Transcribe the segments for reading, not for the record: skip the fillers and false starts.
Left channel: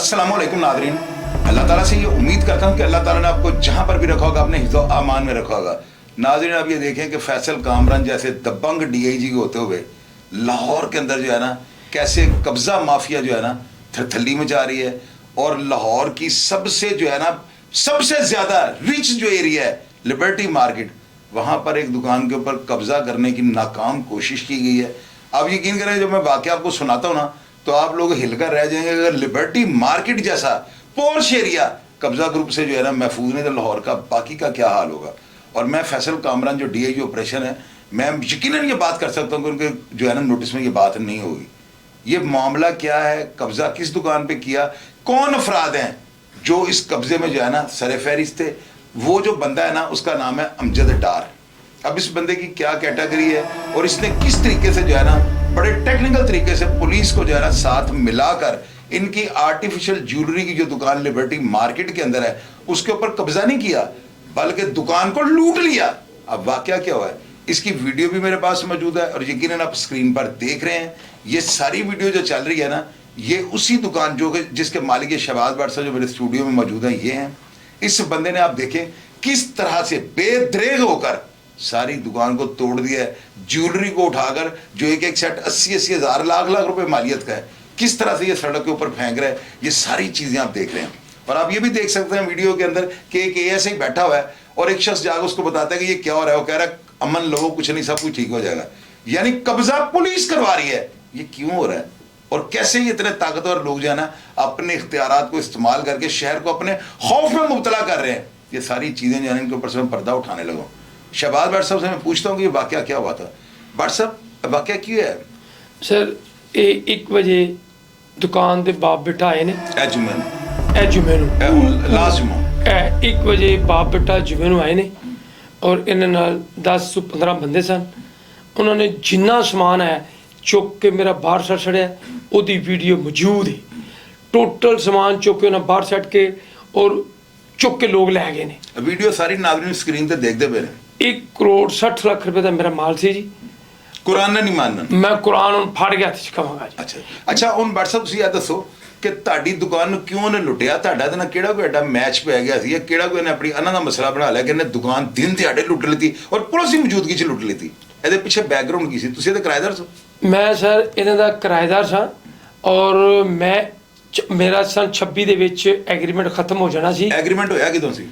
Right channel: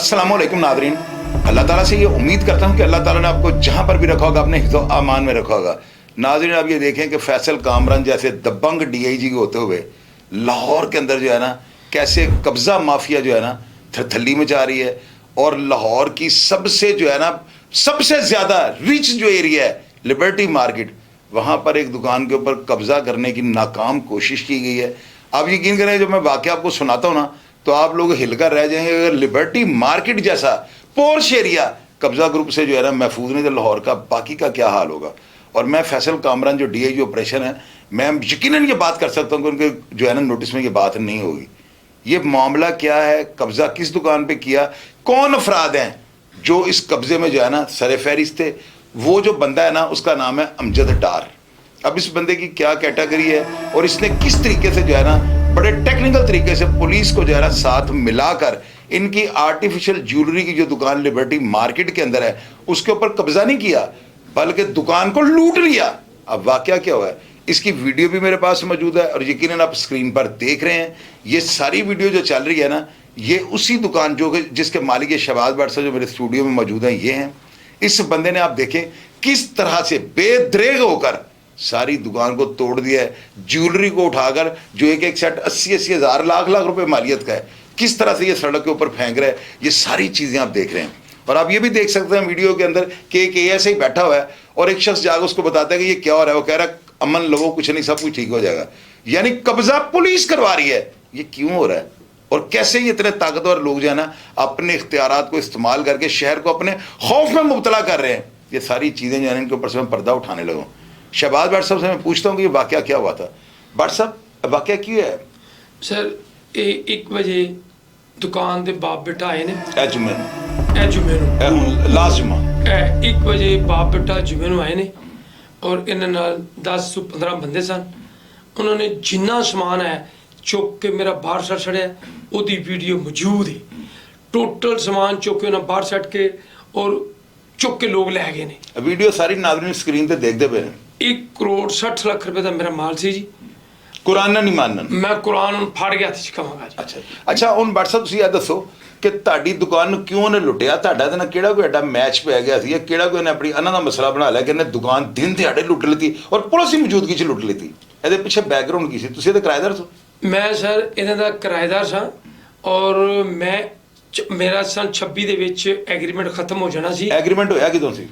अस्सलाम वालेकुम नादरीन। अल्लाह ताला से ये उम्मीद करता हूँ कि अल्लाह ताला ने आपको जहाँ पर भी रखा होगा अपने हिफ्ज़ो अमान में रखा होगा। नादरीन, आप ये देखें कि फैसल कामरान जैसे दबंग DIG होते हुए लाहौर के अंदर जो है ना कैसे कब्ज़ा माफिया जो है ना थरथली में जा रही है, और लाहौर की सबसे जो है ना सबसे ज़्यादा रिच जो एरिया है लिबर्टी मार्केट, वहाँ पर एक दुकान के ऊपर कब्ज़ा करने की नाकाम कोशिश की गई है। आप यकीन करें, जब मैं वाक़या आपको सुनाता हूँ ना तो आप लोग हिलकर रह जाएंगे। अगर लिबर्टी मार्केट जैसा पोर्श एरिया कब्जा ग्रुप से जो है ना महफूज नहीं, तो लाहौर का बाकी का क्या हाल होगा। और मैं फैसल कामरान जो DIG ऑपरेशन है, मैं यकीनन ये बात कर सकता हूँ कि उनके जो है ना नोटिस में ये बात नहीं होगी। ये मामला क्या है, कब्जा किस दुकान पे किया, कौन अफराद हैं जो इस कब्जे में जो है ना सर फहरिस्त थे। वो जो बंदा है ना उसका नाम है अमजद डार। अब इस बंदे की क्या कैटेगरी है और इसने किस तरीके से जो है ना बड़े टेक्निकल तरीके से पुलिस को जो है ना साथ मिलाकर इनकी आर्टिफिशियल ज्वेलरी की जो दुकान लिबर्टी मार्केट के अंदर है उसके ऊपर कब्जा नहीं किया बल्कि दुकान को लूट लिया। अब वाकया क्या हुआ है, इसकी वीडियो भी मेरे पास मौजूद है और यकीनन आप स्क्रीन पर देख रहे हैं। ये सारी वीडियो जो चल रही है ना, ये उसी दुकान जो जिसके मालिक शहबाज भट्ट साहब जो मेरे स्टूडियो में मौजूद हैं ये हैं। इस बंदे ने आप देखें किस तरह से बेदरेग होकर सारी दुकान को तोड़ दिया है। ज्वेलरी को उठाकर जो एक एक सेट 80-80 हज़ार लाख रुपए मालियत का है, किस तरह से ये सड़क के ऊपर फेंक रहा है। ये सारी चीजें आप देख रहे हैं और आप ये भी देख सकते हैं वीडियो के अंदर कि एक ऐसे ही बैठा हुआ है और एक शख्स जाकर उसको बताता है कि ये क्या हो रहा है। वो कह रहा है अमन लो, कुछ नहीं, सब कुछ ठीक हो जाएगा। यानी कब्जा पुलिस करवा रही है। ये क्यों हो रहा है और कैसे ये इतने ताकतवर लोग जो है ना अपने इख्तियारात को इस्तेमाल करके शहर को अपने खौफ में मुब्तला कर रहे हैं। ये सारी चीजें जो है इनके ऊपर से मैं पर्दा उठाने लगा। शहबाज भट्ट साहब से मैं पूछता हूँ कि ये वाकया क्या हुआ था। भट्ट साहब वाकया क्यों है? सर 1 वजे दुकान के बाप बेटा आए ने लाजमा 1 वजे बाप बेटा जुमे आए ने और इन्हें 10 ਤੋਂ 15 बंदे सन। उन्होंने जिन्ना समान है चुक के मेरा बाहर सट छड़िया, ओदी वीडियो मौजूद है। टोटल समान चुक के उन्हें बाहर सट के और चुक के लोग लै गए ने। वीडियो सारी नाज़रीन स्क्रीन पे देखते पे 1 करोड़ 60 लाख रुपए का मेरा माल सी जी। कुरान नहीं मानना, मैं कुरान ਹੁਣ ਫੜ ਗਿਆ ਤੇ ਕਹਾਂਗਾ ਜੀ। ਅੱਛਾ ਹੁਣ ਭੱਟ ਸਾਹਿਬ ਤੁਸੀਂ ਇਹ ਦੱਸੋ ਕਿ ਤੁਹਾਡੀ ਦੁਕਾਨ ਨੂੰ ਕਿਉਂ ਨੇ ਲੁੱਟਿਆ? ਤੁਹਾਡਾ ਤੇ ਨਾ ਕਿਹੜਾ ਕੋਈ ਐਡਾ ਮੈਚ ਪੈ ਗਿਆ ਸੀ, ਇਹ ਕਿਹੜਾ ਕੋਈ ਨੇ ਆਪਣੀ ਇਹਨਾਂ ਦਾ ਮਸਲਾ ਬਣਾ ਲਿਆ ਕਿ ਇਹਨੇ ਦੁਕਾਨ ਦਿਨ ਦਿਹਾੜੇ ਲੁੱਟ ਲਈ ਔਰ ਪੁਲਿਸ ਦੀ ਮੌਜੂਦਗੀ 'ਚ ਲੁੱਟ ਲਈ? ਇਹਦੇ ਪਿੱਛੇ ਬੈਕਗ੍ਰਾਉਂਡ ਕੀ ਸੀ? ਤੁਸੀਂ ਇਹਦੇ ਕਿਰਾਏਦਾਰ ਸੀ? ਮੈਂ ਸਰ ਇਹਨਾਂ ਦਾ ਕਿਰਾਏਦਾਰ ਸਾਂ ਔਰ ਮੇਰਾ ਸਨ 26 ਦੇ ਵਿੱਚ ਐਗਰੀਮੈਂਟ ਖਤਮ ਹੋ ਜਾਣਾ ਸੀ। एग्रीमेंट होया किदों सी?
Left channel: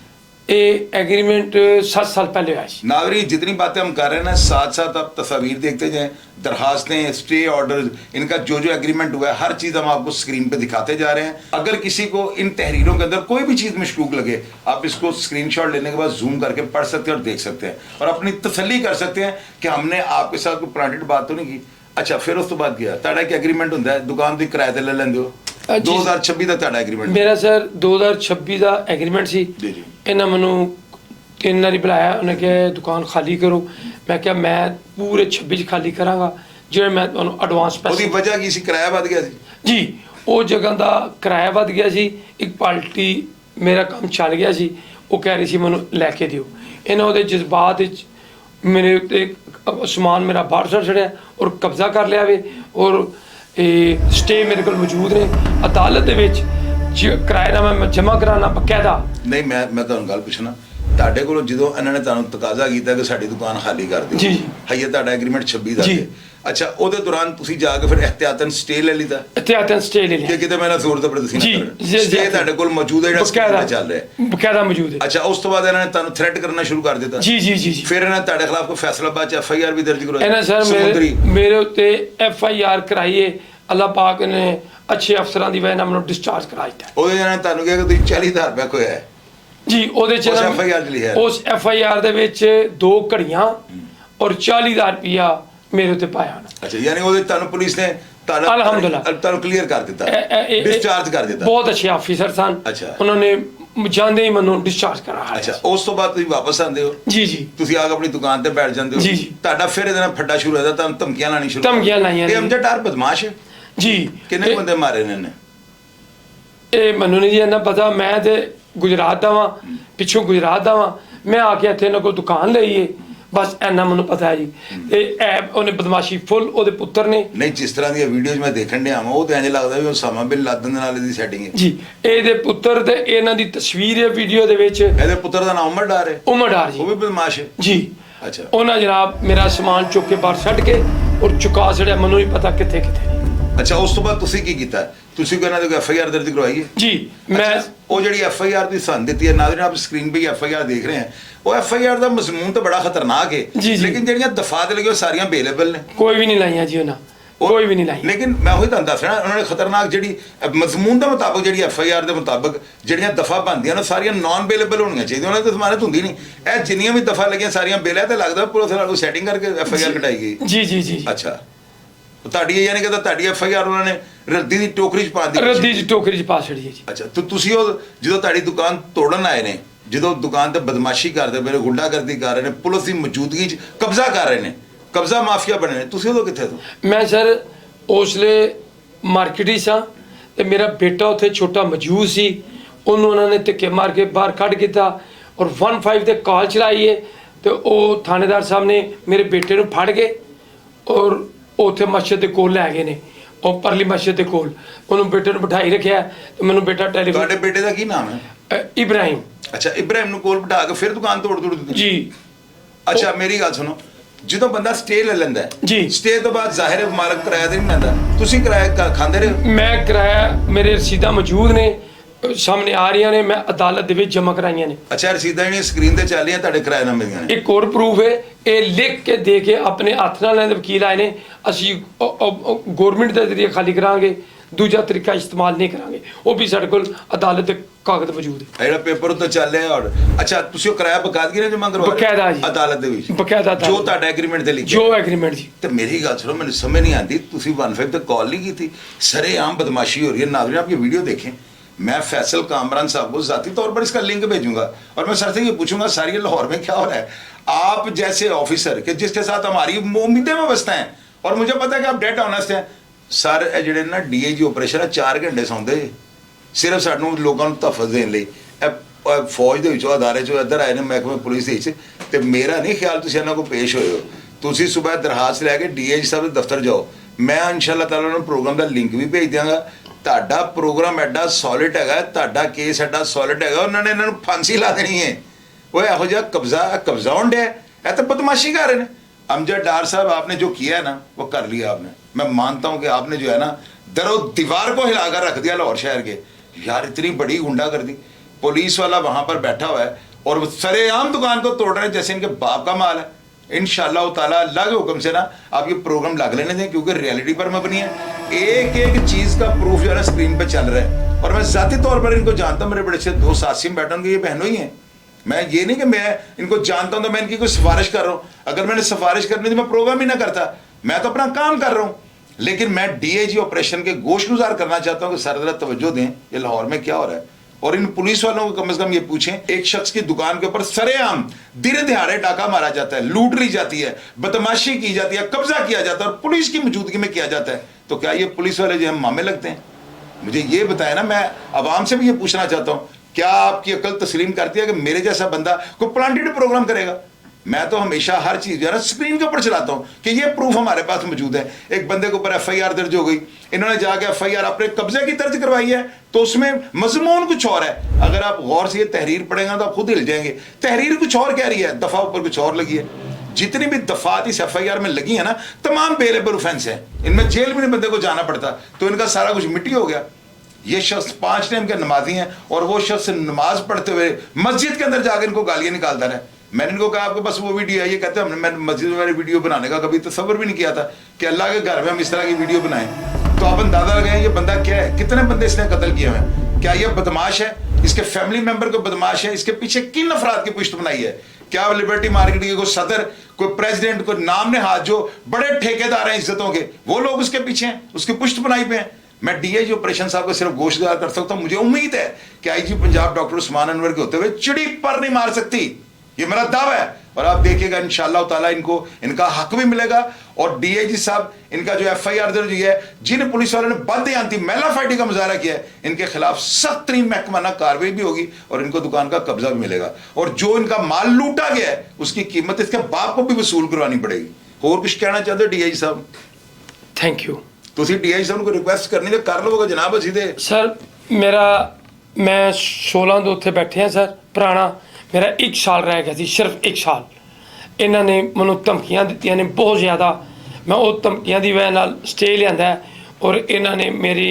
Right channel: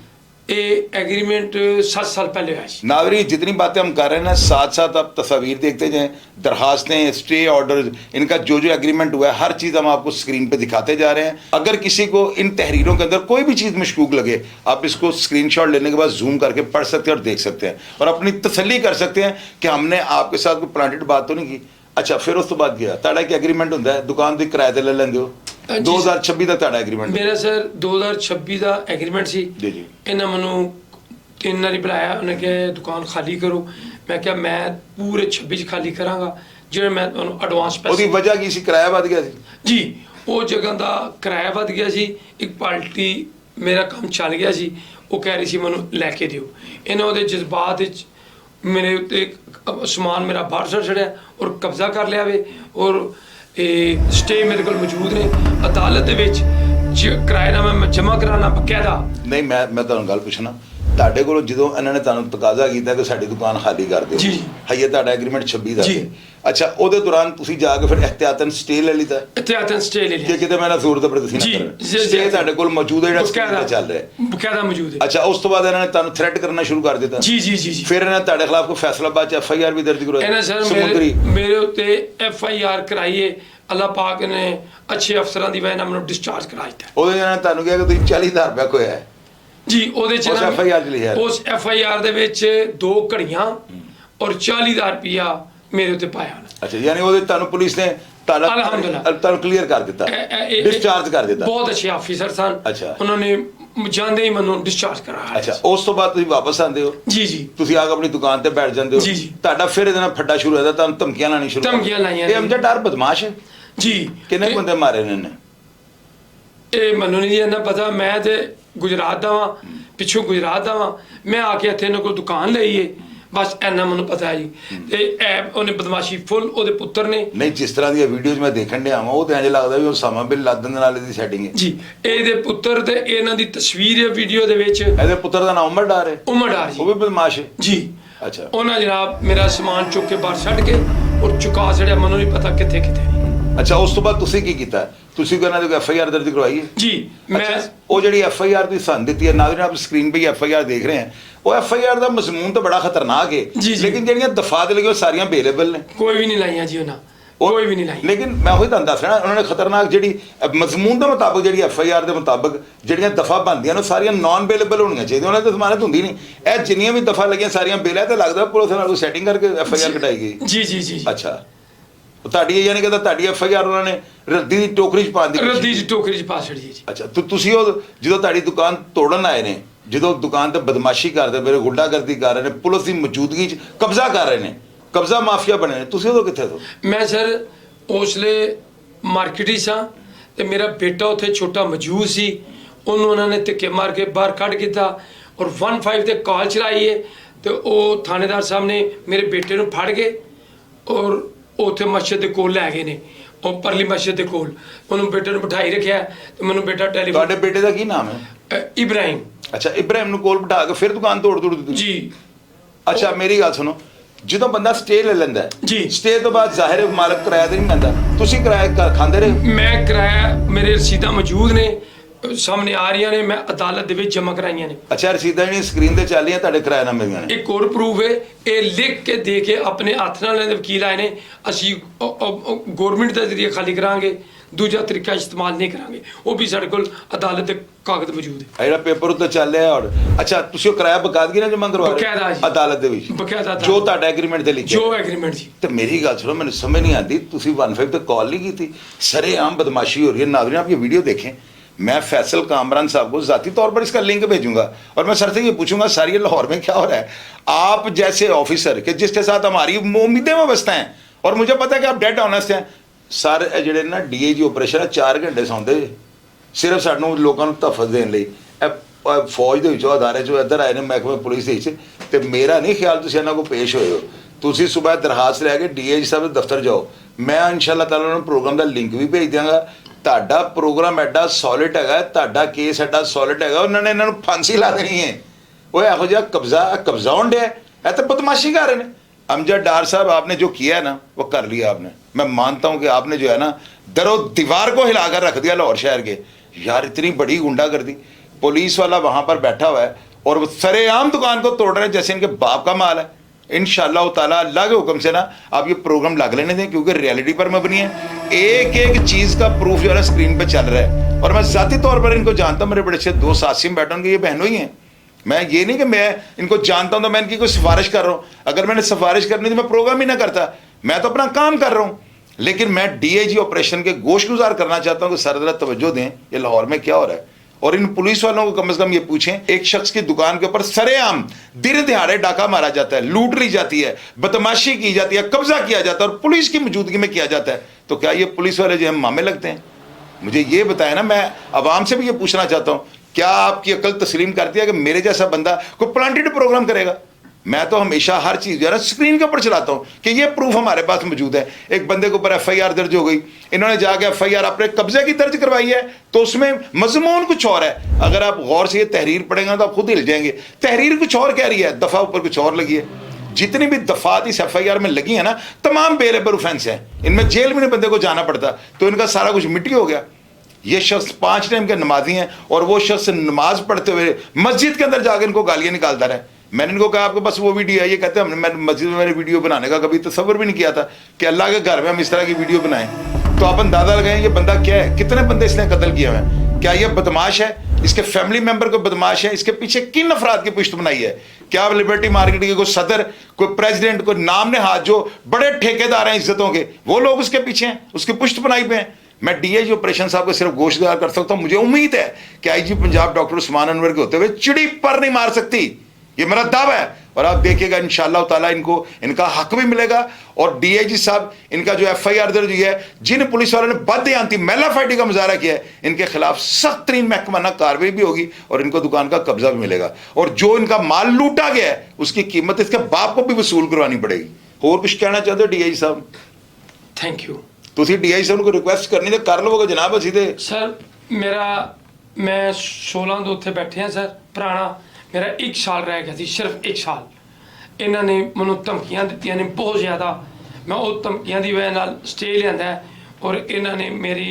ये एग्रीमेंट 7 साल पहले हुआ सी। नागरिक जितनी बातें हम कर रहे हैं ना साथ साथ आप तस्वीर देखते जाएं, दरखास्तें, स्टे ऑर्डर, इनका जो जो एग्रीमेंट हुआ है हर चीज़ हम आपको स्क्रीन पे दिखाते जा रहे हैं। अगर किसी को इन तहरीरों के अंदर कोई भी चीज़ मशकूक लगे आप इसको स्क्रीनशॉट लेने के बाद जूम करके पढ़ सकते हैं और देख सकते हैं और अपनी तसल्ली कर सकते हैं कि हमने आपके साथ कोई प्लांटेड बात तो नहीं की। अच्छा फिर उस तो बाद गया ताड़ा एक एग्रीमेंट होता है, दुकान की किराए ते ले लेंदे हो। 2026 ਦਾ ਤੁਹਾਡਾ ਐਗਰੀਮੈਂਟ? ਮੇਰਾ ਸਰ 2026 ਦਾ ਐਗਰੀਮੈਂਟ ਸੀ ਜੀ ਜੀ। ਇਹਨਾਂ ਮੈਨੂੰ 3 ਵਾਰੀ ਬੁਲਾਇਆ, ਉਹਨੇ ਕਿਹਾ ਦੁਕਾਨ ਖਾਲੀ ਕਰੋ। ਮੈਂ ਕਿਹਾ ਮੈਂ ਪੂਰੇ 26 ਚ ਖਾਲੀ ਕਰਾਂਗਾ ਜਿਹੜੇ ਮੈਂ ਤੁਹਾਨੂੰ ਐਡਵਾਂਸ ਪੈਸੇ। ਉਹਦੀ ਵਜ੍ਹਾ ਕੀ ਸੀ? ਕਿਰਾਇਆ ਵੱਧ ਗਿਆ ਸੀ ਜੀ। ਉਹ ਜਗ੍ਹਾ ਦਾ ਕਿਰਾਇਆ ਵੱਧ ਗਿਆ ਸੀ। ਇੱਕ ਪਾਰਟੀ ਮੇਰਾ ਕੰਮ ਚੱਲ ਗਿਆ ਸੀ, ਉਹ ਕਹਿ ਰਹੀ ਸੀ ਮੈਨੂੰ ਲੈ ਕੇ ਦਿਓ। ਇਹਨਾਂ ਉਹਦੇ ਜਜ਼ਬਾਤ ਵਿੱਚ ਮੇਰੇ ਉੱਤੇ ਸਮਾਨ ਮੇਰਾ ਬਾਹਰ ਸੜ ਛੜਿਆ ਔਰ ਕਬਜ਼ਾ ਕਰ ਲਿਆ ਵੇ ਔਰ स्टे मेरे को मौजूद है अदालत किराएनामा मैं जमा कराना बकायदा। नहीं मैं ਤੁਹਾਨੂੰ ਗੱਲ ਪੁੱਛਣਾ, ਤੁਹਾਡੇ ਕੋਲ ਜਦੋਂ ਇਹਨਾਂ ਨੇ ਤੁਹਾਨੂੰ ਤਕਾਜ਼ਾ ਕੀਤਾ ਕਿ ਸਾਡੀ ਦੁਕਾਨ ਖਾਲੀ ਕਰ ਦਿਓ, ਜੀ ਜੀ, ਹਈਏ ਤੁਹਾਡਾ ਐਗਰੀਮੈਂਟ 26 ਦਾ ਹੈ। ਅੱਛਾ ਉਹਦੇ ਦੌਰਾਨ ਤੁਸੀਂ ਜਾ ਕੇ ਫਿਰ ਇhtiyatan ਸਟੇ ਲੈ ਲਈਦਾ? ਇhtiyatan ਸਟੇ ਲੈ ਲਿਆ ਕਿ ਕਿਤੇ ਮੈਂ ਨਾ ਜ਼ੋਰ ਜ਼ਬਰਦਸਤੀ ਜੀ। ਸਟੇ ਤੁਹਾਡੇ ਕੋਲ ਮੌਜੂਦ ਹੈ ਜਿਹੜਾ ਬਕਾਇਦਾ ਚੱਲ ਰਿਹਾ? ਬਕਾਇਦਾ ਮੌਜੂਦ ਹੈ। ਅੱਛਾ ਉਸ ਤੋਂ ਬਾਅਦ ਇਹਨਾਂ ਨੇ ਤੁਹਾਨੂੰ ਥ੍ਰੈਟ ਕਰਨਾ ਸ਼ੁਰੂ ਕਰ ਦਿੱਤਾ? ਜੀ ਜੀ ਜੀ। ਫਿਰ ਇਹਨਾਂ ਨੇ ਤੁਹਾਡੇ ਖਿਲਾਫ ਕੋਈ ਫੈਸਲਾਬਾਦ ਚ FIR ਵੀ ਦਰਜ ਕਰਵਾਈ? ਇਹਨਾਂ ਸਰ ਮੇਰੇ ਉੱਤੇ FIR ਕਰਾਈਏ। ਅੱਲਾਹ ਪਾਕ ਨੇ ਅੱਛੇ ਅਫਸਰਾਂ ਦੀ ਵਜ੍ਹਾ ਨਾਲ ਮੈਨੂੰ ਡਿਸਚਾਰਜ ਕਰਾ ਦਿੱਤਾ। ਉਹਦੇ ਨਾਲ ਤੁਹਾਨੂੰ ਕਿਹਾ ਕਿ ਤੁਸੀਂ 40,000 ਰੁਪਏ ਕੋਈ ਹੈ ਜੀ। ਉਹਦੇ ਚ FIR ਚ ਲਿਖਿਆ, ਉਸ FIR ਦੇ ਵਿੱਚ 2 ਘੜੀਆਂ ਔਰ 40,000 ਰੁਪਇਆ ਮੇਰੇ ਉੱਤੇ ਪਾਇਆ। ਅੱਛਾ ਯਾਨੀ ਉਹਦੇ ਤੁਹਾਨੂੰ ਪੁਲਿਸ ਨੇ ਅਲਹਮਦੁਲਿਲਾ ਤੁਹਾਨੂੰ ਕਲੀਅਰ ਕਰ ਦਿੱਤਾ, ਡਿਸਚਾਰਜ ਕਰ ਦਿੱਤਾ। ਬਹੁਤ ਅੱਛੇ ਆਫੀਸਰ ਸਨ। ਅੱਛਾ ਉਹਨਾਂ ਨੇ ਜਾਂਦੇ ਹੀ ਮੈਨੂੰ ਡਿਸਚਾਰਜ ਕਰਾ। ਅੱਛਾ ਉਸ ਤੋਂ ਬਾਅਦ ਤੁਸੀਂ ਵਾਪਸ ਆਉਂਦੇ ਹੋ? ਜੀ ਜੀ। ਤੁਸੀਂ ਆ ਕੇ ਆਪਣੀ ਦੁਕਾਨ ਤੇ ਬੈਠ ਜਾਂਦੇ ਹੋ? ਜੀ ਜੀ। ਤੁਹਾਡਾ ਫਿਰ ਇਹਦੇ ਨਾਲ ਫੱਟਾ ਸ਼ੁਰੂ ਹੋਇਆ, ਤੁਹਾਨੂੰ ਧਮਕੀਆਂ ਲਾਣੀ ਸ਼ੁਰੂ? ਧਮਕੀਆਂ ਲਾਈਆਂ। ਇਹ ਅਮਜਦ ਡਾਰ ਬਦਮਾਸ਼ ਹੈ ਜੀ। ਕਿੰਨੇ ਬੰਦੇ ਮਾਰੇ ਨੇ ਇਹਨੇ? ਇਹ ਮੈਨੂੰ ਨਹੀਂ ਇਹਨਾਂ ਪਤਾ। ਮੈਂ ਤੇ ਗੁਜਰਾਤ ਦਾ ਵਾਂ, ਪਿੱਛੋਂ ਗੁਜਰਾਤ ਦਾ ਵਾਂ। ਮੈਂ ਆ ਕੇ ਇੱਥੇ ਇਹਨਾਂ ਕੋਲ ਦੁਕਾਨ ਲਈ ਏ ਬਸ ਇੰਨਾ ਮੈਨੂੰ ਪਤਾ ਹੈ ਜੀ। ਤੇ ਇਹ ਉਹਨੇ ਬਦਮਾਸ਼ੀ ਫੁੱਲ ਉਹਦੇ ਪੁੱਤਰ ਨੇ ਨਹੀਂ, ਜਿਸ ਤਰ੍ਹਾਂ ਦੀਆਂ ਵੀਡੀਓਜ਼ ਮੈਂ ਦੇਖਣ ਡਿਆ ਵਾਂ ਉਹ ਤਾਂ ਇੰਜ ਲੱਗਦਾ ਵੀ ਉਹ ਸਮਾਂ ਬਿਨ ਲਾਦਨ ਦੇ ਨਾਲ ਇਹਦੀ ਸੈਟਿੰਗ ਹੈ ਜੀ। ਇਹਦੇ ਪੁੱਤਰ ਤੇ ਇਹਨਾਂ ਦੀ ਤਸਵੀਰ ਹੈ ਵੀਡੀਓ ਦੇ ਵਿੱਚ। ਇਹਦੇ ਪੁੱਤਰ ਦਾ ਨਾਮ ਉਮਰ ਡਾਰ ਹੈ। ਉਮਰ ਡਾਰ ਜੀ। ਉਹ ਵੀ ਬਦਮਾਸ਼ ਹੈ ਜੀ। ਅੱਛਾ। ਉਹਨਾਂ ਜਨਾਬ ਮੇਰਾ ਸਮਾਨ ਚੁੱਕ ਕੇ ਬਾਹਰ ਛੱਡ ਕੇ ਔਰ ਚੁਕਾ ਛੜਿਆ, ਮੈਨੂੰ ਨਹੀਂ ਪਤਾ ਕਿੱਥੇ ਕਿੱਥੇ। ਅੱਛਾ, ਉਸ ਤੋਂ ਬਾਅਦ ਤੁਸੀਂ ਕੀ ਕੀਤਾ? ਤੁਸੀਂ ਕਹਿੰਦੇ ਹੋ FIR ਦਰਜ ਕਰਵਾਈ ਹੈ? ਜੀ। ਮੈਂ ਉਹ ਜਿਹੜੀ FIR ਦੀ ਸੰਨ ਦਿੱਤੀ ਹੈ, ਨਾਜ਼ਰੀਨ ਆਪ ਸਕਰੀਨ पे FIR ਦੇਖ ਰਹੇ हैं, ਉਹ FIR ਦਾ ਮਜ਼ਮੂਨ ਤਾਂ ਬੜਾ ਖਤਰਨਾਕ ਹੈ, ਜੀ, ਜੀ। ਲੇਕਿਨ ਜਿਹੜੀਆਂ ਦਫਾ ਦੇ ਲਗੇ ਉਹ ਸਾਰੀਆਂ ਅਵੇਲੇਬਲ ਨੇ। ਕੋਈ ਵੀ ਨਹੀਂ ਲਾਈਆਂ ਜੀ ਉਹਨਾਂ, ਕੋਈ ਵੀ ਨਹੀਂ ਲਾਈ। ਲੇਕਿਨ ਮੈਂ ਉਹੀ ਤੁਹਾਨੂੰ ਦੱਸ ਰਿਹਾ, ਉਹਨਾਂ ਨੇ ਖਤਰਨਾਕ ਜਿਹੜੀ ਮਜ਼ਮੂਨ ਦੇ ਮੁਤਾਬਕ ਜਿਹੜੀ FIR ਦੇ ਮੁਤਾਬਕ ਜਿਹੜੀਆਂ ਦਫਾ ਬਣਦੀਆਂ ਨੇ ਸਾਰੀਆਂ ਨਾਨ ਅਵੇਲੇਬਲ ਹੋਣੀਆਂ ਚਾਹੀਦੀਆਂ, ਉਹਨਾਂ ਤੇ ਜ਼ਮਾਨਤ ਹੁੰਦੀ ਨਹੀਂ। ਇਹ ਜਿੰਨੀਆਂ ਵੀ ਦਫਾ ਲੱਗੀਆਂ ਸਾਰੀਆਂ ਬੇਲ ਹੈ, ਤੇ ਲੱਗਦਾ ਪੁਲਿਸ ਨਾਲ ਸੈਟਿੰਗ ਕਰਕੇ FIR ਕਟਾਈ ਗਈ। ਜੀ ਜੀ ਜੀ। ਅੱਛਾ, ਤੁਹਾਡੀ ਯਾਨੀ ਕਿ ਤੁਹਾਡੀ FIR ਉਹਨਾਂ ਨੇ ਰੱਦੀ ਦੀ ਟੋਕਰੀ ਚ ਪਾ ਦਿੱਤੀ? ਰੱਦੀ ਦੀ ਟੋਕਰੀ ਚ ਪਾ ਛੜੀ ਜੀ। ਅੱਛਾ, ਤੇ ਤੁਸੀਂ ਉਹ ਜਦੋਂ ਤੁਹਾਡੀ ਦੁਕਾਨ ਤੋੜਨ ਆਏ ਨੇ, ਜਦੋਂ ਦੁਕਾਨ ਤੇ ਬਦਮਾਸ਼ੀ ਕਰਦੇ ਮੇਰੇ ਗੁੰਡਾਗਰਦੀ ਕਰ ਰਹੇ ਨੇ, ਪੁਲਿਸ ਦੀ ਮੌਜੂਦਗੀ ਚ ਕਬਜ਼ਾ ਕਰ ਰਹੇ ਨੇ, ਕਬਜ਼ਾ ਮਾਫੀਆ ਬਣੇ ਨੇ, ਤੁਸੀਂ ਉਦੋਂ ਕਿੱਥੇ ਤੋਂ? ਮੈਂ ਸਰ ਉਸਲੇ ਮਾਰਕੀਟ ਹੀ ਸਾਂ ਤੇ ਮੇਰਾ ਬੇਟਾ ਉੱਥੇ ਛੋਟਾ ਮੌਜੂਦ ਸੀ, ਉਹਨੂੰ ਉਹਨਾਂ ਨੇ ਧੱਕੇ ਮਾਰ ਕੇ ਬਾਹਰ ਕੱਢ ਕੀਤਾ ਔਰ 15 ਤੇ ਕਾਲ ਚਲਾਈ ਹੈ ਤੇ ਉਹ ਥਾਣੇਦਾਰ ਸਾਹਿਬ ਨੇ ਮੇਰੇ ਬੇਟੇ ਨੂੰ ਫੜ ਗਏ ਔਰ ਉੱਥੇ ਮਸਜਿਦ ਦੇ ਕੋਲ ਲੈ ਗਏ ਨੇ, ਉਹ ਪਰਲੀ ਮਸਜਿਦ ਦੇ ਕੋਲ ਉਹਨੂੰ ਬੇਟੇ ਨੂੰ ਬਿਠਾਈ ਰੱਖਿਆ ਤੇ ਮੈਨੂੰ ਬੇਟਾ ਟੈਲੀਫੋਨ। ਤੁਹਾਡੇ ਬੇਟੇ ਦਾ ਕੀ ਨਾਮ ਹੈ? ਇਬਰਾਹਿਮ। ਅੱਛਾ, ਇਬਰਾਹਿਮ ਨੂੰ ਕੋਲ ਬਿਠਾ ਕੇ ਫਿਰ ਦੁਕਾਨ ਤੋੜ ਦਿੱਤੀ? ਜੀ। ਅੱਛਾ, ਮੇਰੀ ਗੱਲ ਸੁਣੋ, ਜਦੋਂ ਬੰਦਾ ਸਟੇ ਲੈ ਲੈਂਦਾ ਹੈ ਜੀ, ਸਟੇ ਤੋਂ ਬਾਅਦ ਜ਼ਾਹਿਰ ਹੈ ਮਾਲਕ ਕਿਰਾਇਆ ਤੇ ਨਹੀਂ ਲੈਂਦਾ, ਤੁਸੀਂ ਕਿਰਾਇਆ ਖਾਂਦੇ ਰਹੇ? ਮੈਂ ਕਿਰਾਇਆ, ਮੇਰੇ ਰਸੀਦਾਂ ਮੌਜੂਦ ਨੇ ਸਾਹਮਣੇ ਆ ਰਹੀਆਂ ਨੇ, ਮੈਂ ਅਦਾਲਤ ਦੇ ਵਿੱਚ ਜਮ੍ਹਾਂ ਕਰਾਈਆਂ ਨੇ। ਅੱਛਾ, ਰਸੀਦਾਂ ਜਿਹੜੀਆਂ ਸਕਰੀਨ ਤੇ ਚੱਲ ਰਹੀਆਂ ਤੁਹਾਡੇ ਕਿਰਾਇਆ ਨਾਮੇ ਦੀਆਂ ਨੇ? ਇੱਕ ਹੋਰ ਪ੍ਰੂਫ ਹੈ, ਇਹ ਲਿਖ ਕੇ ਦੇ ਕੇ ਆਪਣੇ ਹੱਥ ਨਾਲ ਇਹਦੇ ਵਕੀਲ ਆਏ ਨੇ, ਅਸੀਂ ਗਵਰਨਮੈਂਟ ਦੇ ਜ਼ਰੀਏ ਖਾਲੀ ਕਰਾਂਗੇ, ਦੂਜਾ ਤਰੀਕਾ ਇਸਤੇਮਾਲ ਨਹੀਂ ਕਰਾਂਗੇ, ਉਹ ਵੀ ਸਾਡੇ ਕੋਲ ਅਦਾਲਤ ਦੇ ਕਾਗਜ਼ ਮੌਜੂਦ ਹੈ। ਜਿਹੜਾ ਪੇਪਰ ਉੱਤੇ ਚੱਲ ਰਿਹਾ ਔਰ ਅੱਛਾ, ਤੁਸੀਂ ਉਹ ਕਿਰਾਇਆ ਬਕਾਇਦਗੀ ਨਾਲ ਜਮ੍ਹਾਂ ਕਰਵਾ ਰਹੇ? ਬਕਾਇਦਾ ਜੀ, ਅਦਾਲਤ ਦੇ ਵਿੱਚ ਬਕਾਇਦਾ ਜੋ ਤੁਹਾਡਾ ਐਗਰੀਮੈਂਟ ਤੇ ਲਿਖਿਆ? ਜੋ ਐਗਰੀਮੈਂਟ ਜੀ। ਤੇ ਮੇਰੀ ਗੱਲ ਸੁਣੋ, ਮੈਨੂੰ ਸਮਝ नहीं आती, ਤੁਸੀਂ 15 ਤੇ कॉल नहीं की थी, सरेआम बदमाशी हो रही है। नाज़रीन आप ये वीडियो देखें, मैं फैसल कामरान साहब को ज़ाती तौर पर इसका लिंक भेजूंगा और मैं सर से ये पूछूंगा सर ये लाहौर में क्या हो रहा है? आप जैसे ऑफिसर के जिसके साथ हमारी उम्मीदें वाबस्ता हैं और मुझे पता है कि आप डेड ऑनेस्ट हैं सर, ਜਿਹੜੇ ਨਾ DIG ਆਪਰੇਸ਼ਨ 4 ਘੰਟੇ ਸੌਂਦੇ ਸਿਰਫ ਸਾਨੂੰ ਲੋਕਾਂ ਨੂੰ ਤਹਫਜ਼ ਦੇਣ ਲਈ। ਇਹ ਫੌਜ ਦੇ ਵਿੱਚੋਂ ਅਦਾਰੇ ਚੋਂ ਇੱਧਰ ਆਏ ਨੇ ਮਹਿਕਮੇ ਪੁਲਿਸ ਦੇ ਵਿੱਚ, ਤੇ ਮੇਰਾ ਨਹੀਂ ਖਿਆਲ ਤੁਸੀਂ ਇਹਨਾਂ ਕੋਲ ਪੇਸ਼ ਹੋਏ ਹੋ। ਤੁਸੀਂ ਸਵੇਰ ਦਰਖਾਸਤ ਲੈ ਕੇ DIG ਸਾਹਿਬ ਦੇ ਦਫ਼ਤਰ ਜਾਓ, ਮੈਂ ਇਨਸ਼ਾਅੱਲਾ ਤਾਲਾ ਨੂੰ ਪ੍ਰੋਗਰਾਮ ਦਾ ਲਿੰਕ ਵੀ ਭੇਜ ਦਿਆਂਗਾ। ਤੁਹਾਡਾ ਪ੍ਰੋਗਰਾਮ ਐਡਾ ਸੋਲਿਡ ਹੈਗਾ, ਤੁਹਾਡਾ ਕੇਸ ਐਡਾ ਸੋਲਿਡ ਹੈਗਾ, ਉਹਨਾਂ ਨੇ ਇਹਨਾਂ ਨੂੰ ਫਾਂਸੀ ਲਾ ਦੇਣੀ ਹੈ। ਉਹ ਇਹੋ ਜਿਹਾ ਕਬਜ਼ਾਉਣ ਡਿਆ, ਇਹ ਤਾਂ ਬਦਮਾਸ਼ੀ ਕਰ ਰਹੇ ਨੇ। अमजद डार साहब, आपने जो किया है ना वो कर लिया आपने। मैं मानता हूं कि आपने जो है ना दरो दीवार को हिलाकर रख दिया लाहौर शहर के। यार इतनी बड़ी गुंडागर्दी, पुलिस वाला वहां पर बैठा हुआ है और वो सरेआम दुकान को तोड़ रहे हैं जैसे इनके बाप का माल है। इंशाअल्लाह ताला अल्लाह के हुक्म से ना आप ये प्रोग्राम लग लेने दें, क्योंकि रियलिटी पर मबनी है। एक एक चीज का प्रूफ जो है ना स्क्रीन पे चल रहा है और मैं जाती तौर पर इनको जानता हूँ, मेरे बड़े अच्छे दोस्त आसिम बैठे उनके ये बहनों ही हैं। मैं ये नहीं कि मैं इनको जानता हूं तो मैं इनकी कोई सिफारिश कर रहा हूं, अगर मैंने सिफारिश करनी थी मैं प्रोग्राम ही ना करता, मैं तो अपना काम कर रहा हूं। लेकिन मैं DIG ऑपरेशन के गोशगुजार करना चाहता हूं कि सर जरा तवज्जो दें, ये लाहौर में क्या हो रहा है। और इन पुलिस वालों को कम से कम ये पूछें, एक शख्स की दुकान के ऊपर सरेआम दिन दिहाड़े डाका मारा जाता है, लूट ली जाती है, बदमाशी की जाती है, कब्जा किया जाता है और पुलिस की मौजूदगी में किया जाता है, तो क्या ये पुलिस वाले जो है मामे लगते हैं? मुझे ये बताया ना, मैं आवाम से भी ये पूछना चाहता हूँ, क्या आपकी अकल तस्लीम करती है कि मेरे जैसा बंदा कोई प्लांटेड प्रोग्राम करेगा? मैं तो हमेशा हर चीज जो है ना स्क्रीन के ऊपर चलाता हूं कि ये प्रूफ हमारे पास मौजूद है। एक बंदे के ऊपर FIR दर्ज हो गई, इन्होंने जाके FIR अपने कब्जे की दर्ज करवाई है, तो उसमें मजमून कुछ और है। अगर आप गौर से ये तहरीर पढ़ेंगे तो आप खुद हिल जाएंगे, तहरीर कुछ और कह रही है, दफा ऊपर कुछ और लगी है। जितनी भी दफात इस FIR में लगी है ना, तमाम बेलेबल ऑफेंस है, इनमें जेल में नहीं बंदे को जाना पड़ता, तो इनका सारा कुछ मिट्टी हो गया। ये शख्स 5 टाइम के नमाजी हैं और वो शख्स नमाज पढ़ते हुए मस्जिद के अंदर जाकर इनको गालियां निकालता रहा। मैंने इनको कहा आपके पास वो वीडियो है? ये कहते हैं हमने मस्जिद में वीडियो बनाने का कभी तसव्वुर भी नहीं किया था कि अल्लाह के घर में हम इस तरह की वीडियो बनाएं। तो आप अंदाजा लगाएं ये बंदा क्या है, कितने बंदे इसने कत्ल किए हुए हैं, क्या ये बदमाश है, इसके फैमिली मेंबर को बदमाश है, इसके पीछे किन अफराद की पुष्ट बनाई है? क्या लिबर्टी मार्केट के कोई सदर, कोई प्रेसिडेंट, कोई नाम ने हाथ जो बड़े ठेकेदार हैं इज्जतों के, वो लोग उसके पीछे हैं, उसकी पुष्ट बनाई पे हैं? मैं DIG ऑपरेशन साहब को सिर्फ गोशगुजार कर सकता हूं। मुझे उम्मीद है कि IG पंजाब डॉक्टर उस्मान अनवर के होते हुए चिड़ी पर नहीं मार सकती। ये मेरा दावा है। और आप देखिएगा इंशाअल्लाह ताला इनको इनका हक भी मिलेगा। और डीआईजी साहब इनका जो एफआईआर दर्ज हुई है, जिन पुलिस वालों ने बदयांती मैलाफाइटी का मुजाहरा किया है, इनके खिलाफ सख्त तरीन महकमाना कार्रवाई भी होगी और इनको दुकान का कब्जा भी मिलेगा। और जो इनका माल लूटा गया है उसकी कीमत इसके बाप को भी वसूल करवानी पड़ेगी। और कुछ कहना चाहते हो डीआईजी साहब? थैंक यू ਤੁਸੀਂ ਡੀਆਈ ਸਾਹਿਬ ਨੂੰ ਰਿਕੁਐਸਟ ਕਰਨੀ ਤੇ ਕਰ ਲਵੋਗੇ ਜਨਾਬ। ਅਸੀਂ ਤੇ ਸਰ ਮੈਂ 16 ਤੋਂ ਉੱਥੇ ਬੈਠੇ ਹਾਂ ਸਰ। ਪੁਰਾਣਾ ਮੇਰਾ 1 ਸਾਲ ਰਹਿ ਗਿਆ ਸੀ, ਸਿਰਫ 1 ਸਾਲ। ਇਹਨਾਂ ਨੇ ਮੈਨੂੰ ਧਮਕੀਆਂ ਦਿੱਤੀਆਂ ਨੇ ਬਹੁਤ ਜ਼ਿਆਦਾ। ਮੈਂ ਉਹ ਧਮਕੀਆਂ ਦੀ ਵਜ੍ਹਾ ਨਾਲ ਸਟੇ ਲਿਆਂਦਾ ਔਰ ਇਹਨਾਂ ਨੇ ਮੇਰੀ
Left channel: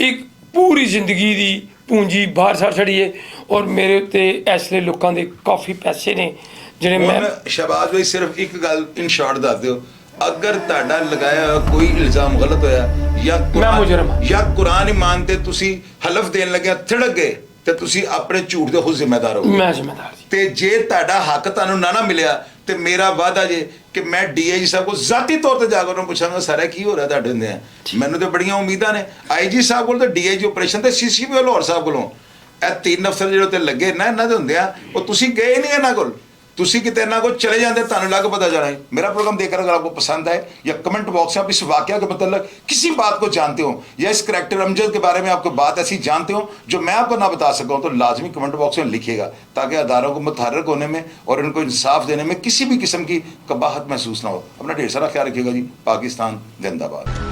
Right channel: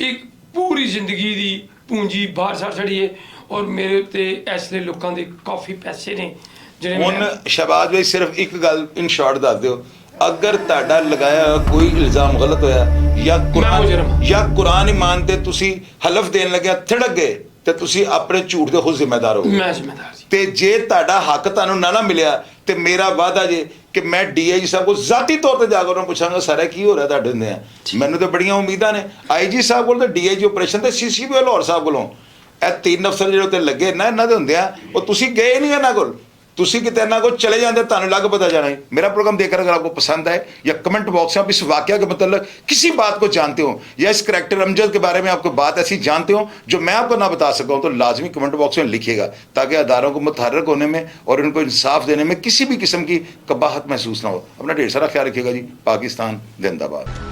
ਇੱਕ ਪੂਰੀ ਜ਼ਿੰਦਗੀ ਦੀ ਪੂੰਜੀ ਬਾਹਰ ਸੱਟ ਛੜੀ ਹੈ। ਔਰ ਮੇਰੇ ਉੱਤੇ ਇਸ ਲਈ ਲੋਕਾਂ ਦੇ ਕਾਫੀ ਪੈਸੇ ਨੇ ਜਿਹੜੇ ਮੈਂ ਹੁਣ ਸ਼ਹਿਬਾਜ਼ ਭਾਈ ਸਿਰਫ ਇੱਕ ਗੱਲ ਇਨ ਸ਼ਾਰਟ ਦੱਸ ਦਿਓ, ਅਗਰ ਤੁਹਾਡਾ ਲਗਾਇਆ ਹੋਇਆ ਕੋਈ ਇਲਜ਼ਾਮ ਗਲਤ ਹੋਇਆ ਜਾਂ ਕੁਰਾਨ ਇਮਾਨ ਤੇ ਤੁਸੀਂ ਹਲਫ ਦੇਣ ਲੱਗਿਆ ਥੜਕ ਗਏ ਤੇ ਤੁਸੀਂ ਆਪਣੇ ਝੂਠ ਦੇ ਖੁਦ ਜ਼ਿੰਮੇਦਾਰ ਹੋ। ਮੈਂ ਜ਼ਿੰਮੇਦਾਰ ਸੀ। ਤੇ ਜੇ ਤੁਹਾਡਾ ਹੱਕ ਤੁਹਾਨੂੰ ਨਾ ਮਿਲਿਆ ਤੇ ਮੇਰਾ ਵਾਅਦਾ ਜੇ ਕਿ ਮੈਂ ਡੀਆਈਜੀ ਸਾਹਿਬ ਕੋਲ ਜ਼ਾਤੀ ਤੌਰ ਤੇ ਜਾ ਕੇ ਉਹਨਾਂ ਪੁੱਛਾਂਗਾ ਸਾਰਾ ਕੀ ਹੋ ਰਿਹਾ ਤੁਹਾਡੇ ਹੁੰਦੇ ਆ। ਮੈਨੂੰ ਤੇ ਬੜੀਆਂ ਉਮੀਦਾਂ ਨੇ ਆਈਜੀ ਸਾਹਿਬ ਕੋਲ ਤੇ ਡੀਆਈਜੀ ਆਪਰੇਸ਼ਨ ਤੇ ਸੀਸੀਪੀ ਲਾਹੌਰ ਸਾਹਿਬ ਕੋਲੋਂ। ਇਹ 3 ਅਫਸਰ ਜਿਹੜੇ ਉੱਤੇ ਲੱਗੇ ਨਾ ਇਹਨਾਂ ਦੇ ਹੁੰਦੇ ਆ, ਉਹ ਤੁਸੀਂ ਗਏ ਨਹੀਂ ਇਹਨਾਂ ਕੋਲ। तुसी कितने ना को चले जाते तुहानू लग पता जाना है। मेरा प्रोग्राम देखकर अगर आपको पसंद है या कमेंट बॉक्स में आप इस वाकया के मतलब किसी बात को जानते हो या इस करैक्टर अमजद के बारे में आपको बात ऐसी जानते हो जो मैं आपको ना बता सका तो लाजमी कमेंट बॉक्स में लिखिएगा, ताकि अदारों को मुतहर्रिक होने में और इनको इंसाफ देने में किसी भी किस्म की कबाहत महसूस ना हो। अपना ढेर सारा ख्याल रखिएगा जी। पाकिस्तान जिंदाबाद।